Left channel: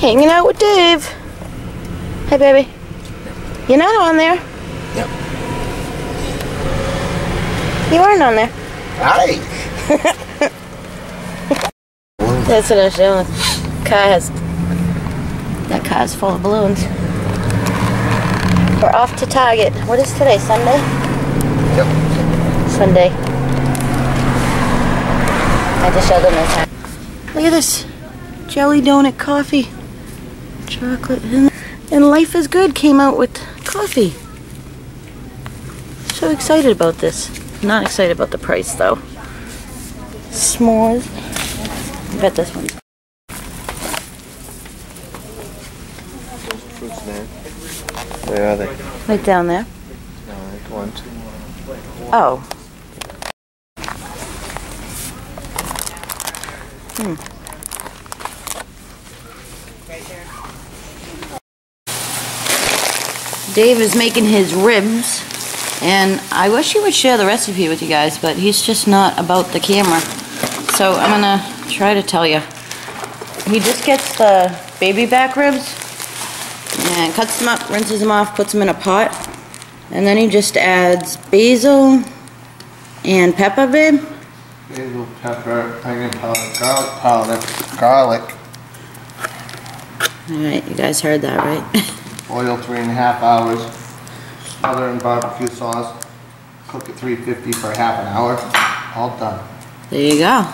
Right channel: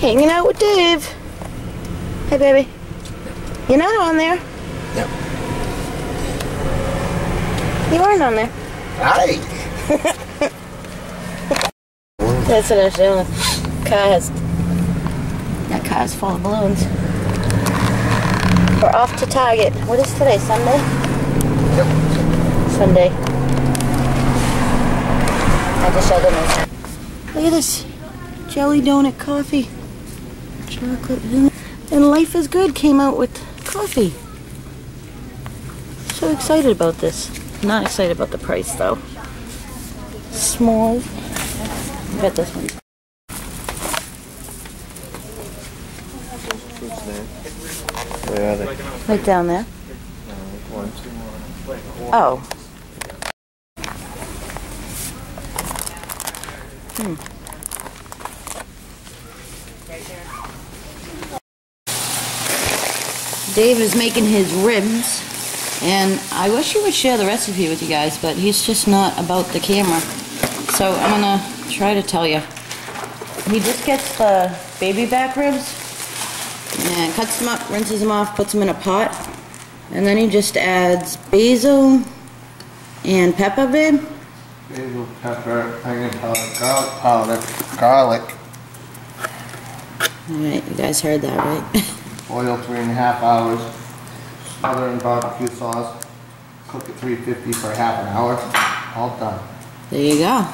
Hanging out with Dave. Hey, baby. You're not on there. Yep. You aren't on there. Hi. That's what I was doing. That car's full of balloons. We're off to Target. What is today? Sunday? Yep. Sunday. I just showed them this time. Look at this. Jelly donut coffee. Chocolate. And Life is Good came out with coffee. So excited about this. Not excited about the price though. S'mores. I bet this one's. Fruits there. Where are they? Right down there. No, like 1, 2. Oh. Dave is making his ribs, and I wish he would share the recipe with you guys, but he's just not about the camera. So I'm gonna try to tell you. He just gets the baby back ribs and cuts them up, rinses them off, puts them in a pot, and then he just adds basil and pepper, babe. Basil, pepper, onion powder, garlic. Alright, you guys heard that, right? Boil 3.5 hours. Smother in barbecue sauce. Cook at 350 for half an hour. All done. There you go.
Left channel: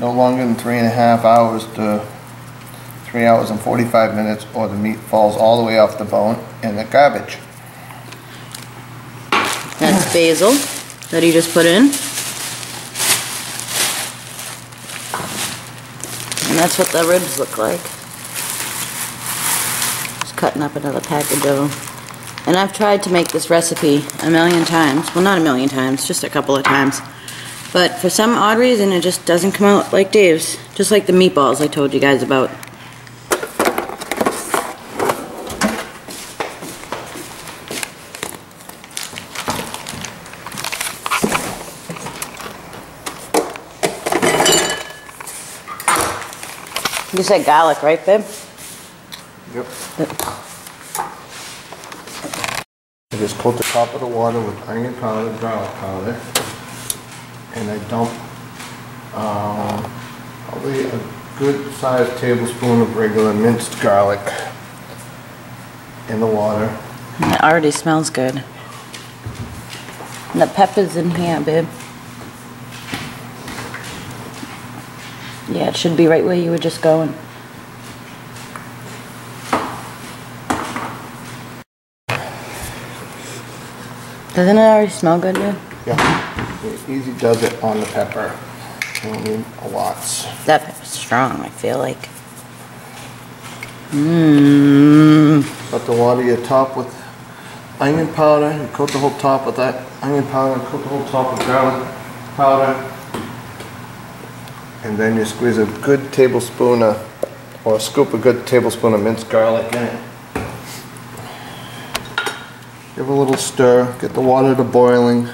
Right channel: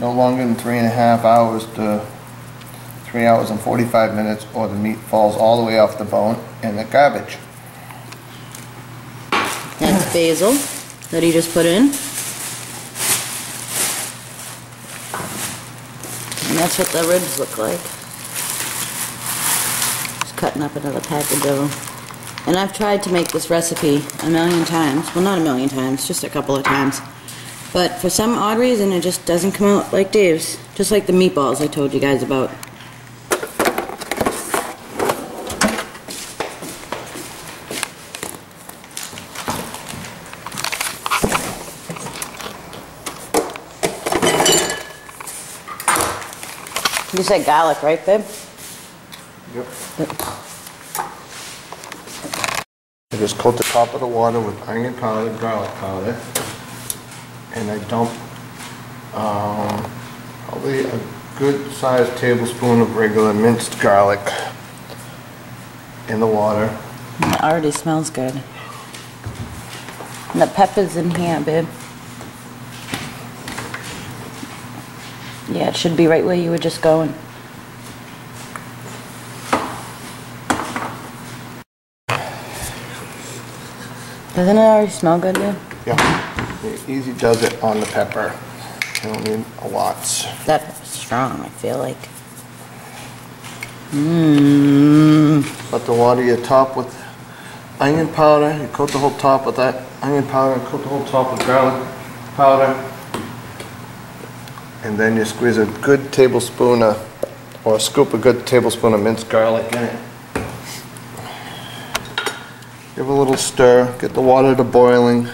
No longer than 3.5 hours to 3 hours and 45 minutes, or the meat falls all the way off the bone in the garbage. That's basil that he just put in. And that's what the ribs look like. Just cutting up another package of them. And I've tried to make this recipe a million times. Well, not a million times, just a couple of times. But for some odd reason, it just doesn't come out like Dave's. Just like the meatballs I told you guys about. You said garlic, right, babe? Yep. I just coat the top of the water with onion powder, garlic powder, and I dump probably a good sized tablespoon of regular minced garlic in the water. It already smells good. And the pepper's in here, babe. Yeah, it should be right where you were just going. Doesn't it already smell good, dude? Yeah, it easy does it on the pepper. You don't need a lot. That pepper's strong, I feel like. Let the water your top with onion powder. You coat the whole top with that onion powder. Coat the whole top with garlic powder. And then you squeeze a good tablespoon of, or scoop a good tablespoon of minced garlic in it. Give a little stir, get the water to boiling,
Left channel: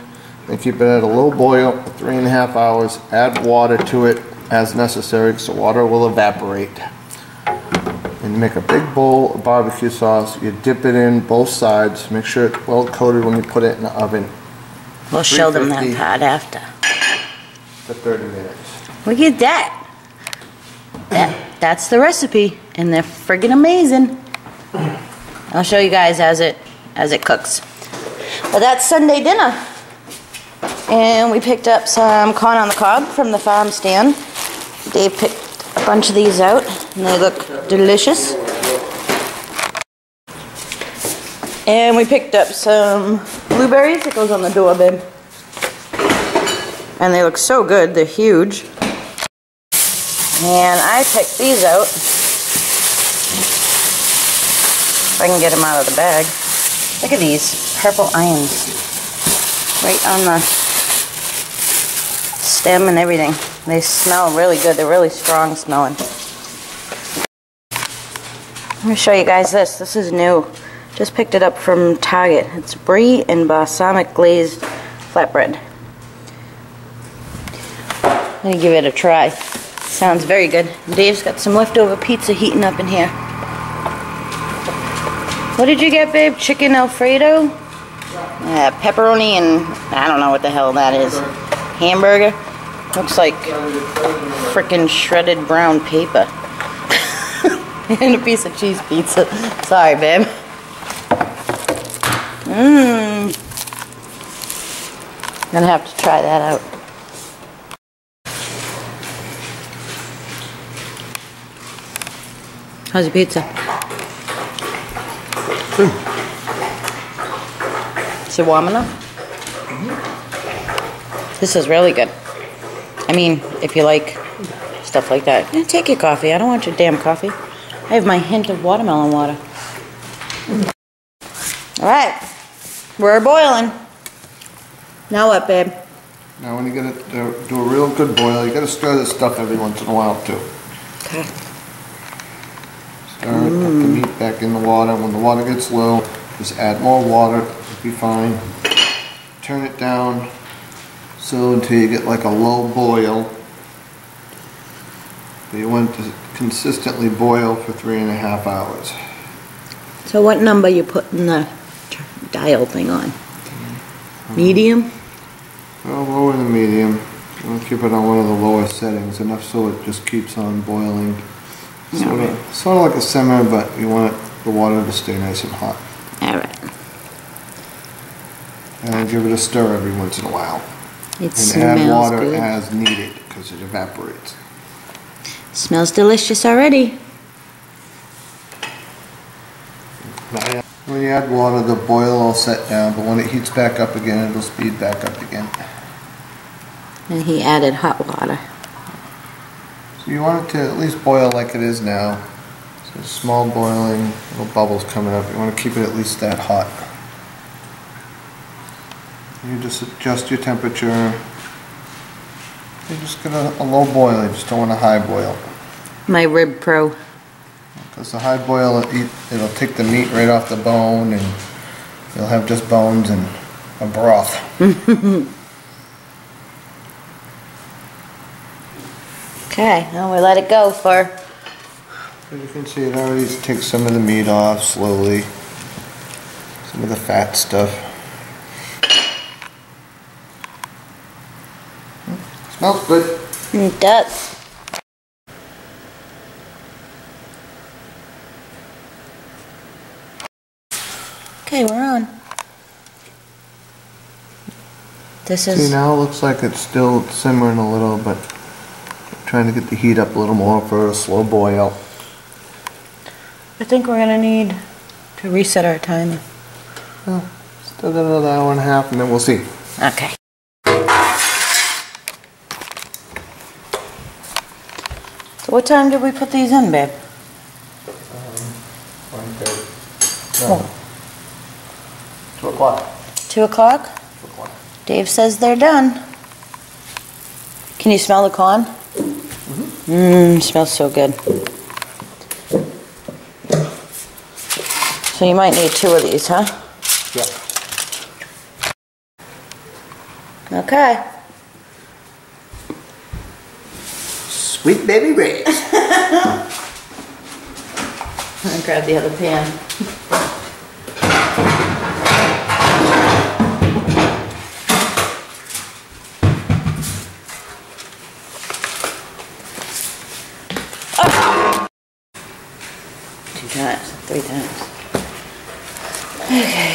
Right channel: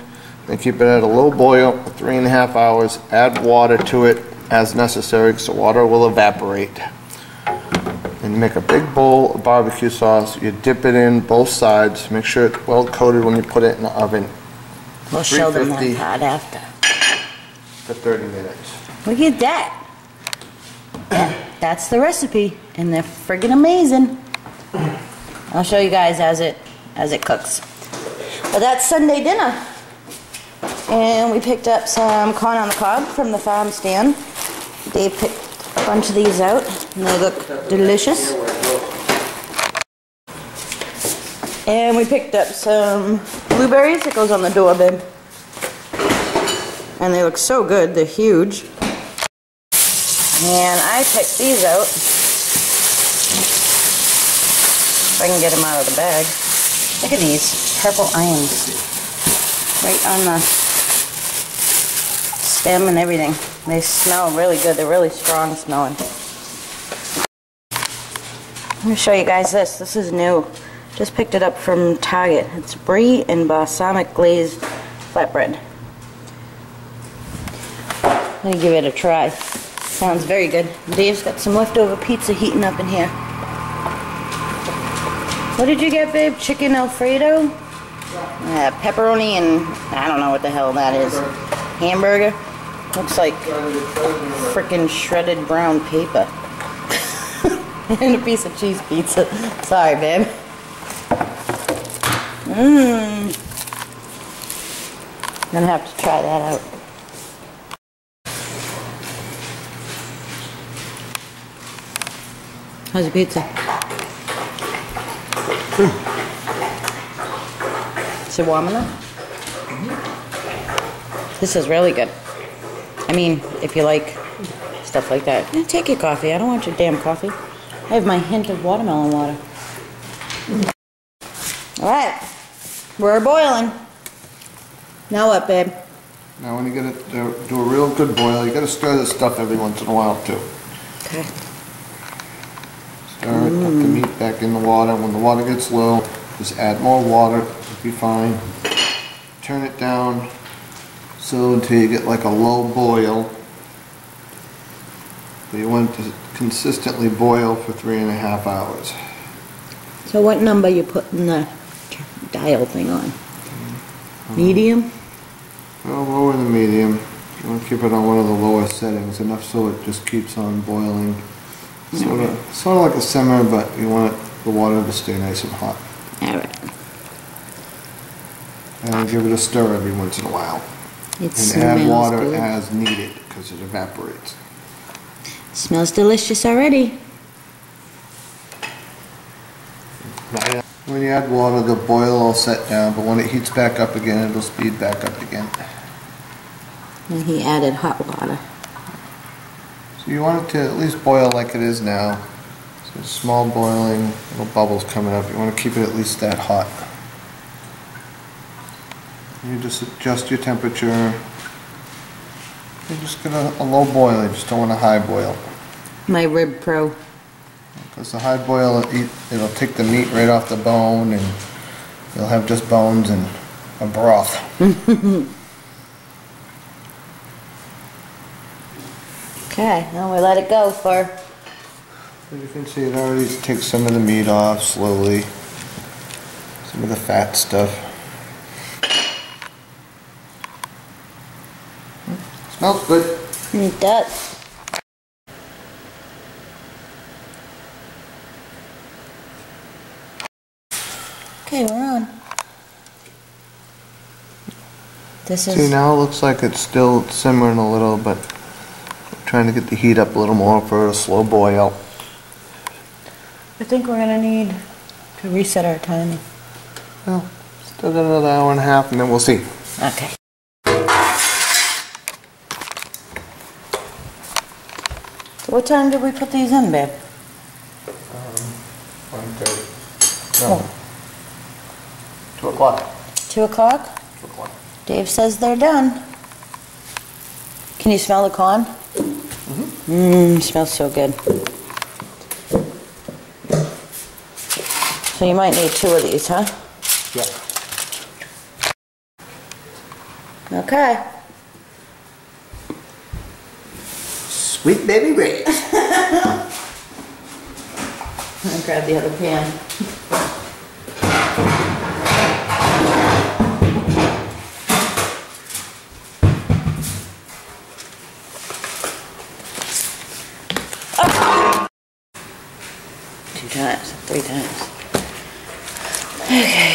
then keep it at a low boil for 3.5 hours. Add water to it as necessary because the water will evaporate. And you make a big bowl of barbecue sauce. You dip it in both sides. Make sure it's well coated when you put it in the oven. We'll show them that part after. For 30 minutes. Look at that. That's the recipe, and they're friggin' amazing. I'll show you guys as it cooks. Well, that's Sunday dinner. And we picked up some corn on the cob from the farm stand. Dave picked a bunch of these out, and they look delicious. And we picked up some blueberries. It goes on the door, babe. And they look so good. They're huge. And I picked these out. If I can get them out of the bag. Look at these purple onions. Right on the stem and everything. They smell really good. They're really strong smelling. Let me show you guys this. This is new. Just picked it up from Target. It's brie and balsamic glazed flatbread. Let me give it a try. Sounds very good. Dave's got some leftover pizza heating up in here. What did you get, babe? Chicken Alfredo? Pepperoni and I don't know what the hell that is. Hamburger? Looks like frickin' shredded brown paper. And a piece of cheese pizza. Sorry, babe. Gonna have to try that out. How's your pizza? Is it warm enough? This is really good. I mean, if you like stuff like that. Yeah, take your coffee. I don't want your damn coffee. I have my hint of watermelon water. Alright. We're boiling. Now what, babe? Now when you get it to do a real good boil, you gotta stir this stuff every once in a while too. Okay. Stir it, put the meat back in the water. When the water gets low, just add more water, it'll be fine. Turn it down so until you get like a low boil. But you want it to consistently boil for 3.5 hours. So what number you putting the dial thing on? Medium? Well, lower than medium. You want to keep it on one of the lower settings, enough so it just keeps on boiling. Sort of like a simmer, but you want the water to stay nice and hot. Alright. And give it a stir every once in a while. It and smells add water good. as needed because it evaporates. Smells delicious already. When you add water, the boil will set down, but when it heats back up again, it'll speed back up again. And he added hot water. So you want it to at least boil like it is now. So small boiling, little bubbles coming up. You want to keep it at least that hot. You just adjust your temperature. You just get a low boil, you just don't want a high boil. My Rib Pro. Because the high boil, it'll take the meat right off the bone and you'll have just bones and a broth. Okay, now we let it go for... As you can see, it already takes some of the meat off slowly. Some of the fat stuff. Smells good. It does. Okay, we're on. This is... See, now it looks like it's still simmering a little, but I'm trying to get the heat up a little more for a slow boil. I think we're gonna need to reset our timer. Well, still got another hour and a half and then we'll see. Okay. So what time did we put these in, babe? 1:30. No. 2 o'clock. 2 o'clock? 2 o'clock. Dave says they're done. Can you smell the corn? Smells so good. So you might need 2 of these, huh? Yeah. Okay. Sweet baby Ribs. I'll grab the other pan. Oh. 2 times, 3 times. Okay.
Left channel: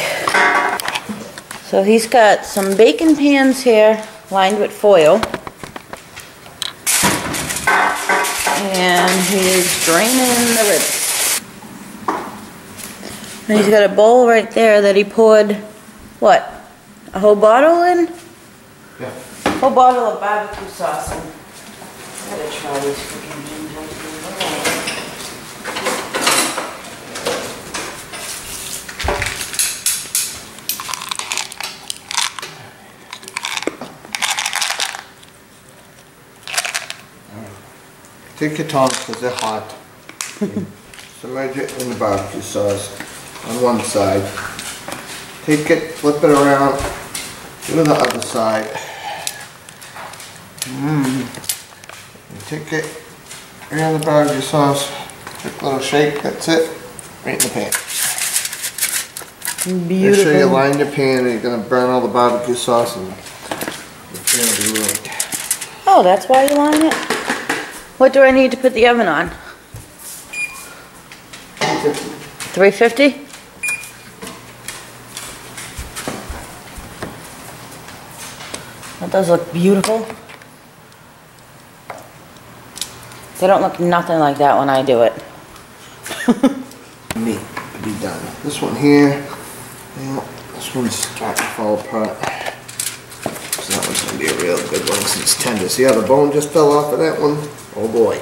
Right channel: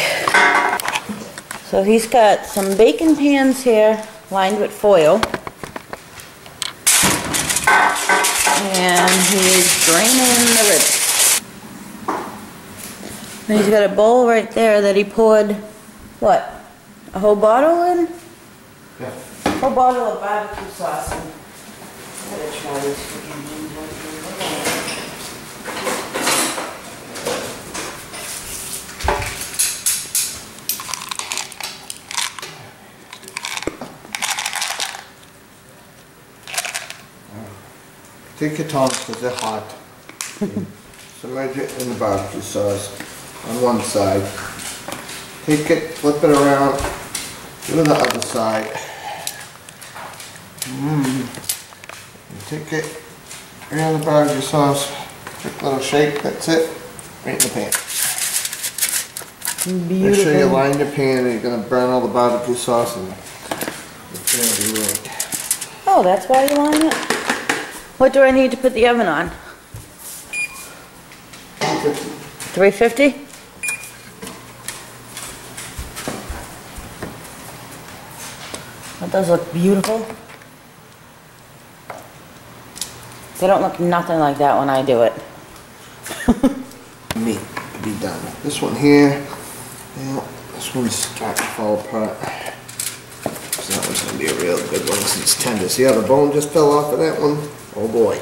So he's got some baking pans here lined with foil. And he's draining the ribs. And he's got a bowl right there that he poured, what, a whole bottle in? Yeah. A whole bottle of barbecue sauce in. I gotta try these freaking things out here. Take your tongs because they're hot. Submerge it in the barbecue sauce on one side. Take it, flip it around, go to the other side. You take it, And the barbecue sauce, quick little shake, that's it, right in the pan. Beautiful. Make sure you line your pan or you're going to burn all the barbecue sauce and it's going to be ruined. Oh, that's why you line it? What do I need to put the oven on? 350? That does look beautiful. They don't look nothing like that when I do it. Meat to be done. This one here, yeah, this one's starting to fall apart. So that one's going to be a real good one since it's tender. See how the bone just fell off of that one? Oh boy.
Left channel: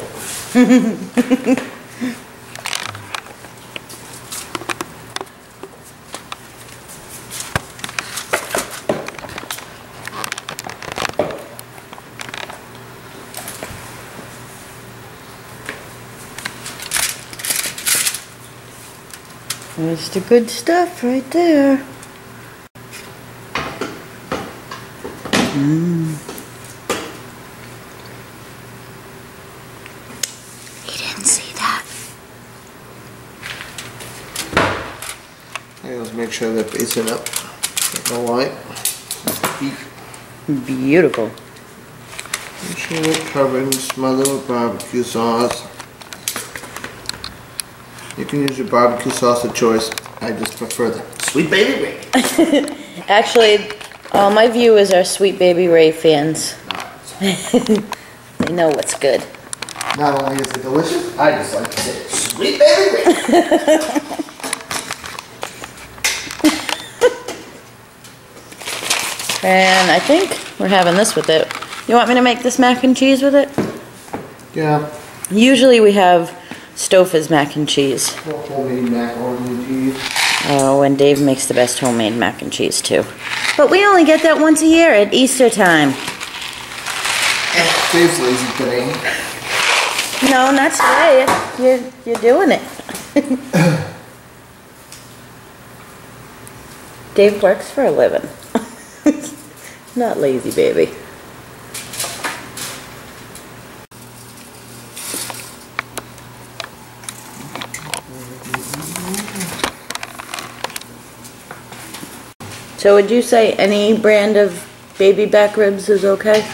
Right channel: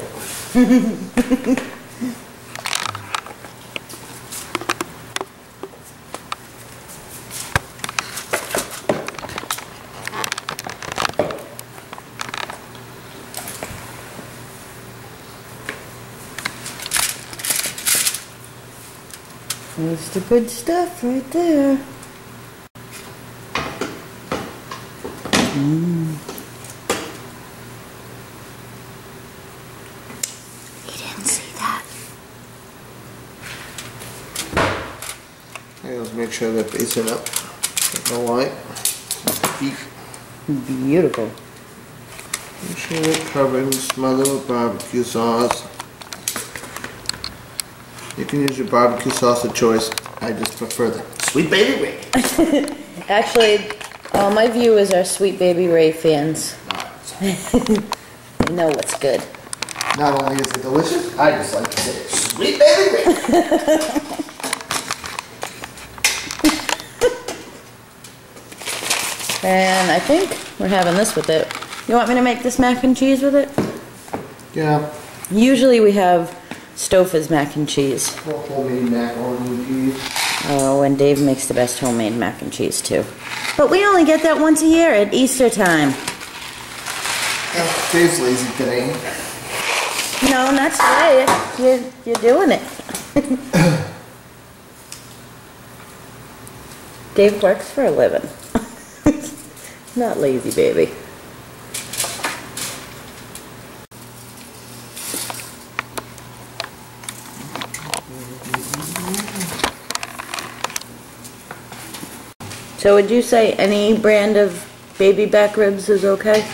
There's the good stuff right there. He didn't see that. Okay, let's make sure they're facing up. No light. Beef. Beautiful. Make sure they're covered and smothered with barbecue sauce. You can use your barbecue sauce of choice. I just prefer the Sweet Baby Ray. Actually, all my viewers are Sweet Baby Ray fans. They know what's good. Not only is it delicious, I just like to say Sweet Baby Ray. And I think we're having this with it. You want me to make this mac and cheese with it? Yeah. Usually we have Stouffer's mac and cheese. Homemade macaroni and cheese. Oh, and Dave makes the best homemade mac and cheese too. But we only get that once a year at Easter time. Dave's lazy today. No, not today. You're doing it. Dave works for a living. Not lazy, baby. So would you say any brand of baby back ribs is okay?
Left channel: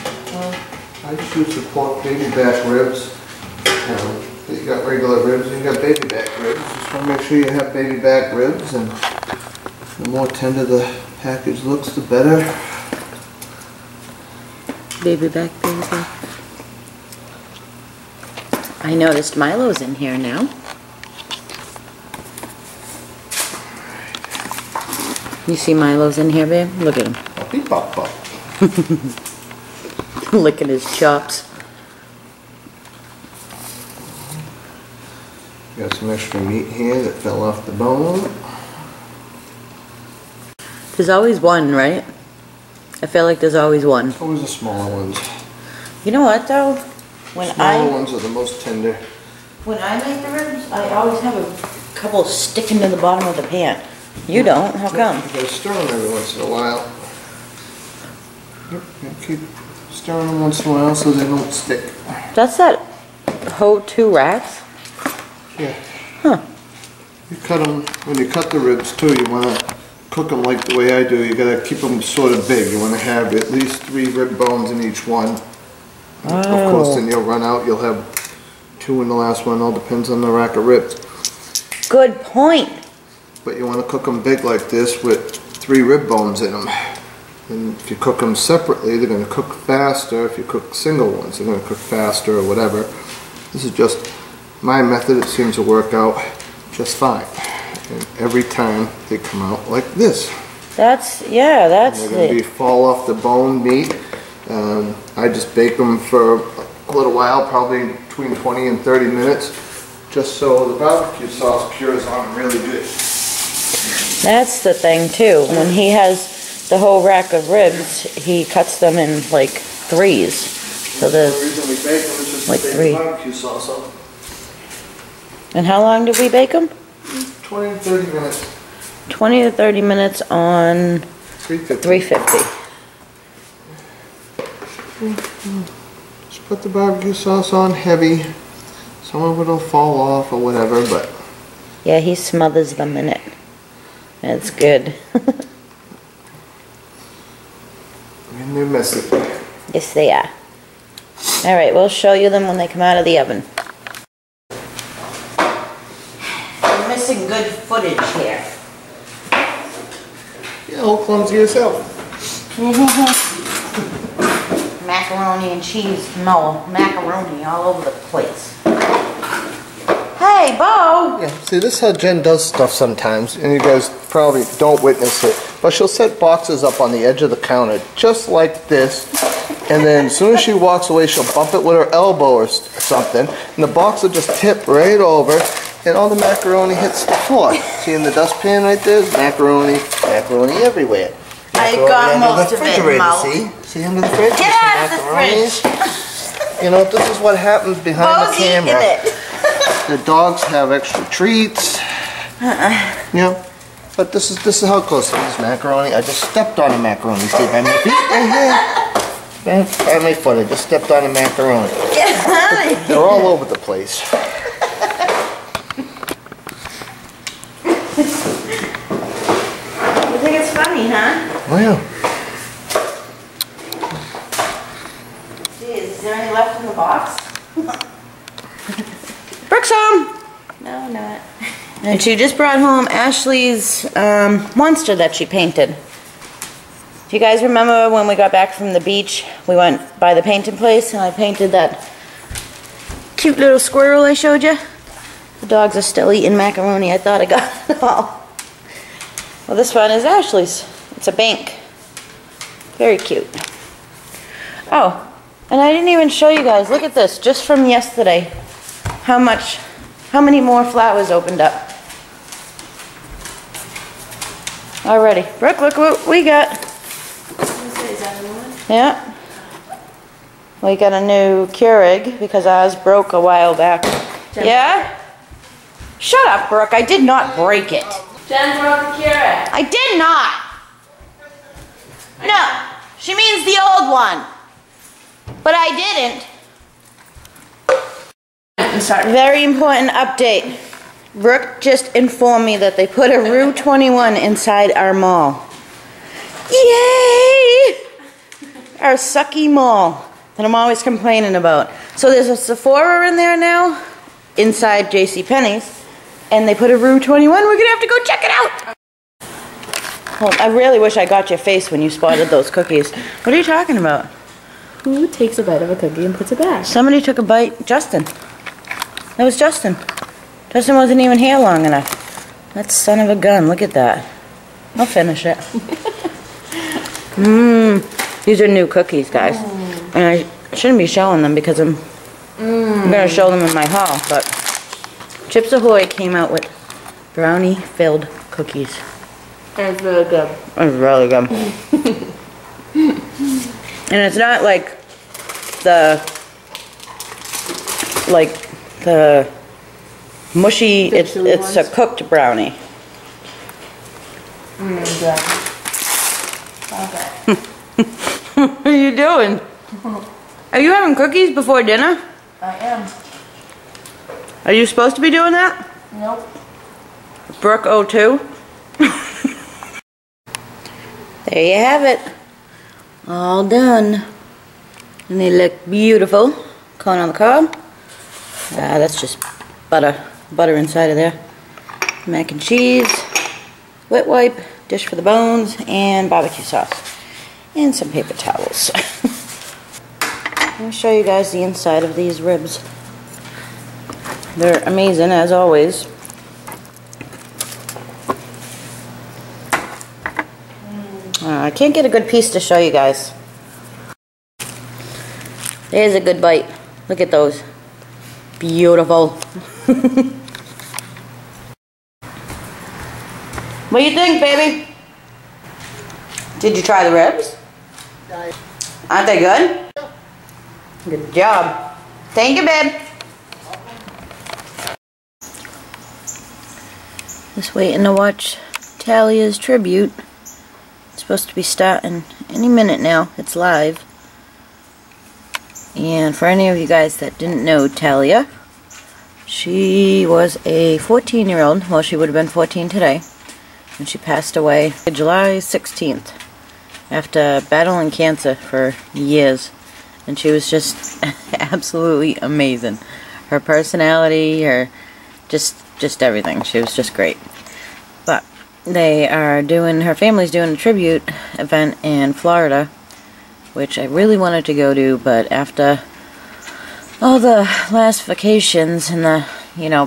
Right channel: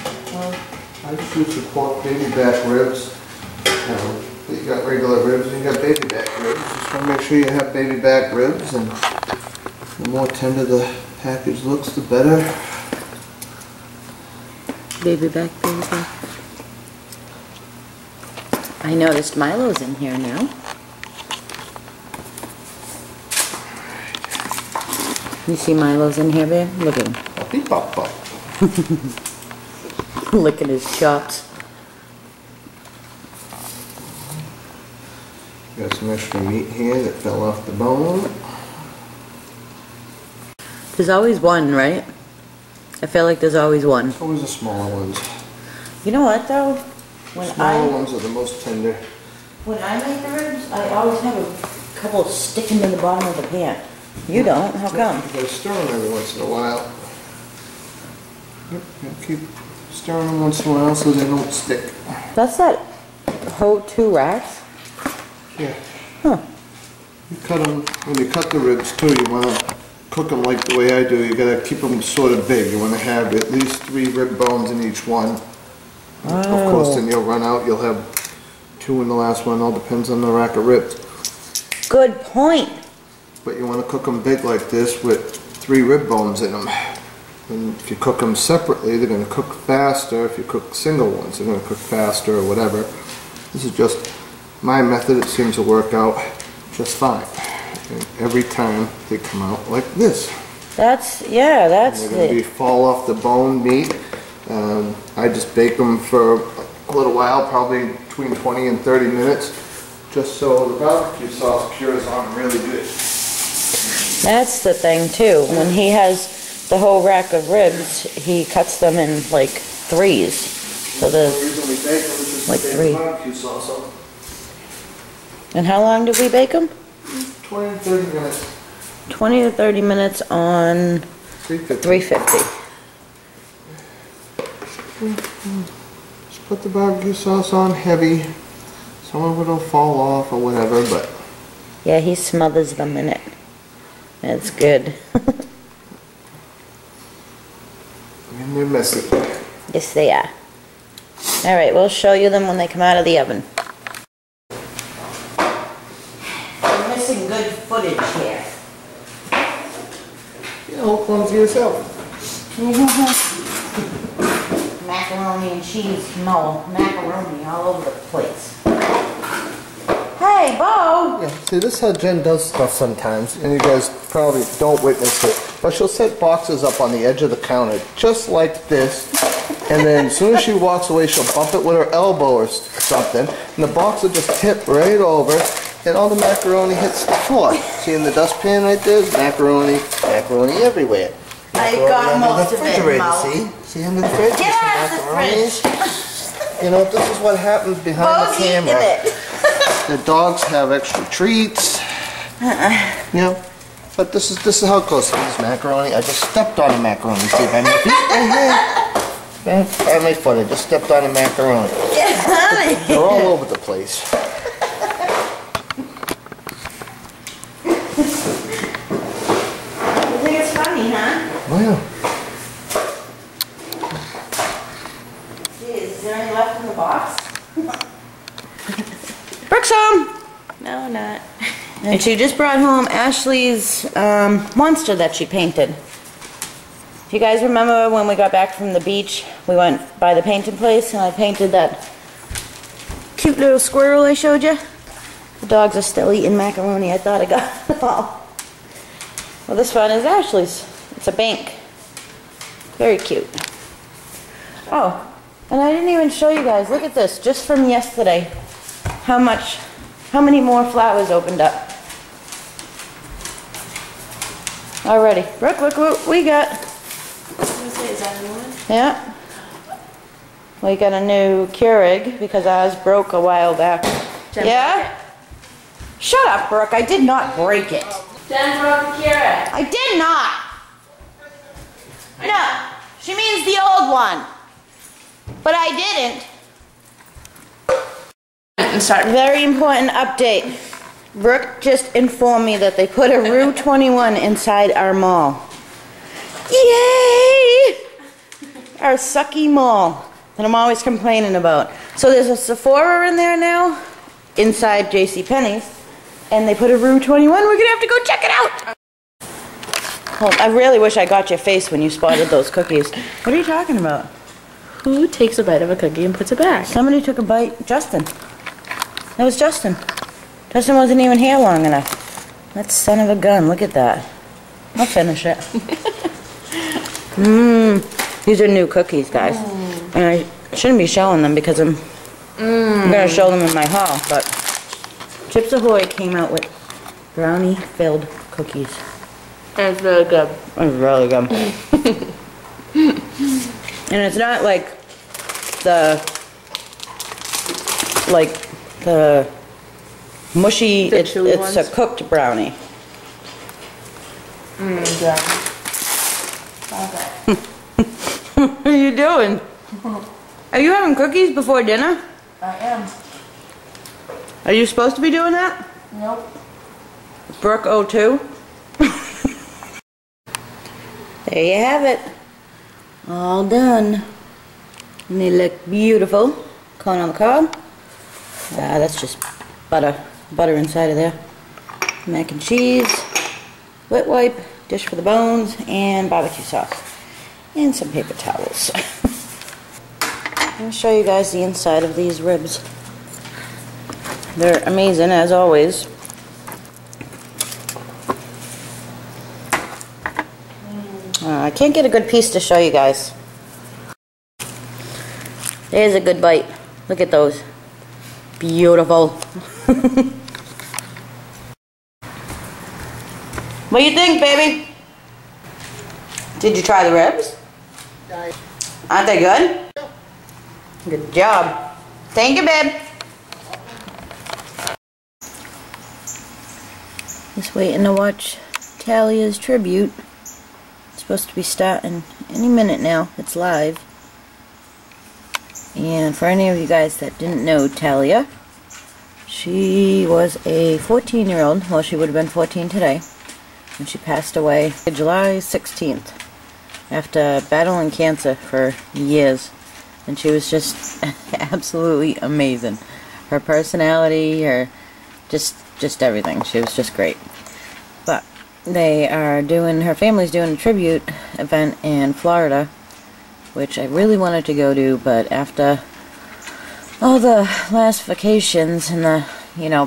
I choose to support baby back ribs. You got regular ribs and you got baby back ribs. Just want to make sure you have baby back ribs, and the more tender the package looks, the better. Baby back, baby back. I noticed Milo's in here now. You see Milo's in here, babe? Look at him. Puppy pop pop. Licking his chops. Got some extra meat here that fell off the bone. There's always one, right? I feel like there's always one. Always the smaller ones. You know what though? Smaller ones are the most tender. When I make the ribs, I always have a couple sticking to the bottom of the pan. You don't? How come? You gotta stir them every once in a while. Yep, gotta keep stirring them once in a while so they don't stick. That's that whole 2 racks? Yeah. Huh. You cut them, when you cut the ribs too, you wanna cook them like the way I do. You gotta keep them sort of big. You wanna have at least 3 rib bones in each one. Oh. Of course, then you'll run out. You'll have 2 in the last one. All depends on the rack of ribs. Good point. But you want to cook them big like this with 3 rib bones in them. And if you cook them separately, they're going to cook faster. If you cook single ones, they're going to cook faster or whatever. This is just my method. It seems to work out just fine. And every time they come out like this. That's And they're going to be it. fall off the bone meat. I just bake them for a little while, probably between 20 and 30 minutes, just so the barbecue sauce cures on them really good. That's the thing too. When he has the whole rack of ribs, he cuts them in like 3s. So The there's reason we bake them is just like to save 3. the barbecue sauce on them. And how long do we bake them? 20 to 30 minutes. 20 to 30 minutes on 350. Just put the barbecue sauce on heavy. Some of it'll fall off or whatever, but... Yeah, he smothers them in it. That's good. And they're messy. Yes, they are. Alright, we'll show you them when they come out of the oven. You're missing good footage here. Yeah, all clumsy yourself. Macaroni and cheese, no, macaroni all over the place. Hey, Bo! Yeah, see, this is how Jen does stuff sometimes, and you guys probably don't witness it, but she'll set boxes up on the edge of the counter, just like this, and then as soon as she walks away, she'll bump it with her elbow or something, and the box will just tip right over, and all the macaroni hits the floor. See in the dustpan right there? There's macaroni everywhere. I got most of it, Mo. See under the fridge? Get out of the fridge! You know, this is what happens behind the camera. It. The dogs have extra treats. You know, but this is how it goes. This macaroni. I just stepped on a macaroni. See by my feet right here. By my foot, I just stepped on a macaroni. Get out of here. They're all over the place. You think it's funny, huh? Wow. Geez, is there any left in the box? Brooke's home! No, not. And she just brought home Ashley's monster that she painted. Do you guys remember when we got back from the beach, we went by the painting place and I painted that cute little squirrel I showed you? The dogs are still eating macaroni. I thought I got it all. Well, this one is Ashley's. It's a bank. Very cute. Oh, and I didn't even show you guys. Look at this, just from yesterday. How many more flowers opened up? Already. Brooke, look what we got. Yeah. We got a new Keurig because ours broke a while back. Yeah? Shut up, Brooke. I did not break it. Jen broke the Keurig. I did not. No. She means the old one. But I didn't. Very important update. Brooke just informed me that they put a Rue 21 inside our mall. Yay! Our sucky mall that I'm always complaining about. So there's a Sephora in there now, inside JCPenney's, and they put a Rue 21. We're gonna have to go check it out. Well, I really wish I got your face when you spotted those cookies. What are you talking about? Who takes a bite of a cookie and puts it back? Somebody took a bite. Justin. That was Justin. Justin wasn't even here long enough. That son of a gun. Look at that. I'll finish it. These are new cookies, guys. And I shouldn't be showing them because I'm going to show them in my haul. But Chips Ahoy came out with brownie-filled cookies. And it's really good. It's really good. And it's not like the mushy, it's a cooked brownie. Yeah. Okay. What are you doing? Are you having cookies before dinner? I am. Are you supposed to be doing that? Nope. Brooke 02? There you have it. All done. And they look beautiful. Corn on the cob. That's just butter inside of there. Mac and cheese, wet wipe, dish for the bones, and barbecue sauce. And some paper towels. Let me show you guys the inside of these ribs. They're amazing as always. I can't get a good piece to show you guys. There's a good bite. Look at those. Beautiful. What do you think, baby? Did you try the ribs? Aren't they good? Good job. Thank you, babe. Just waiting to watch Talia's tribute. It's supposed to be starting any minute now. It's live. And for any of you guys that didn't know Talia, She was a 14-year-old, well, she would have been 14 today, and she passed away July 16th after battling cancer for years. And she was just absolutely amazing. Her personality, just everything. She was just great. But her family's doing a tribute event in Florida, which I really wanted to go to, but after all the last vacations in the,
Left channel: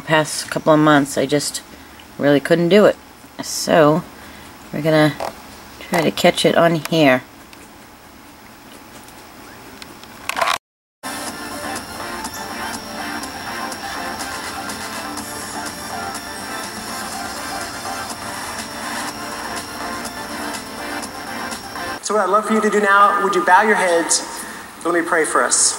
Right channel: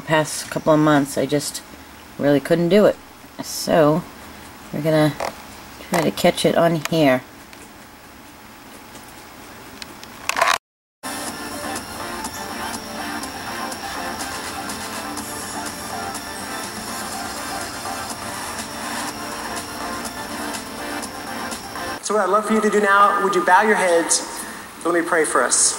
past couple of months, I just really couldn't do it. So, we're gonna try to catch it on here. So what I'd love for you to do now, would you bow your heads? Let me pray for us.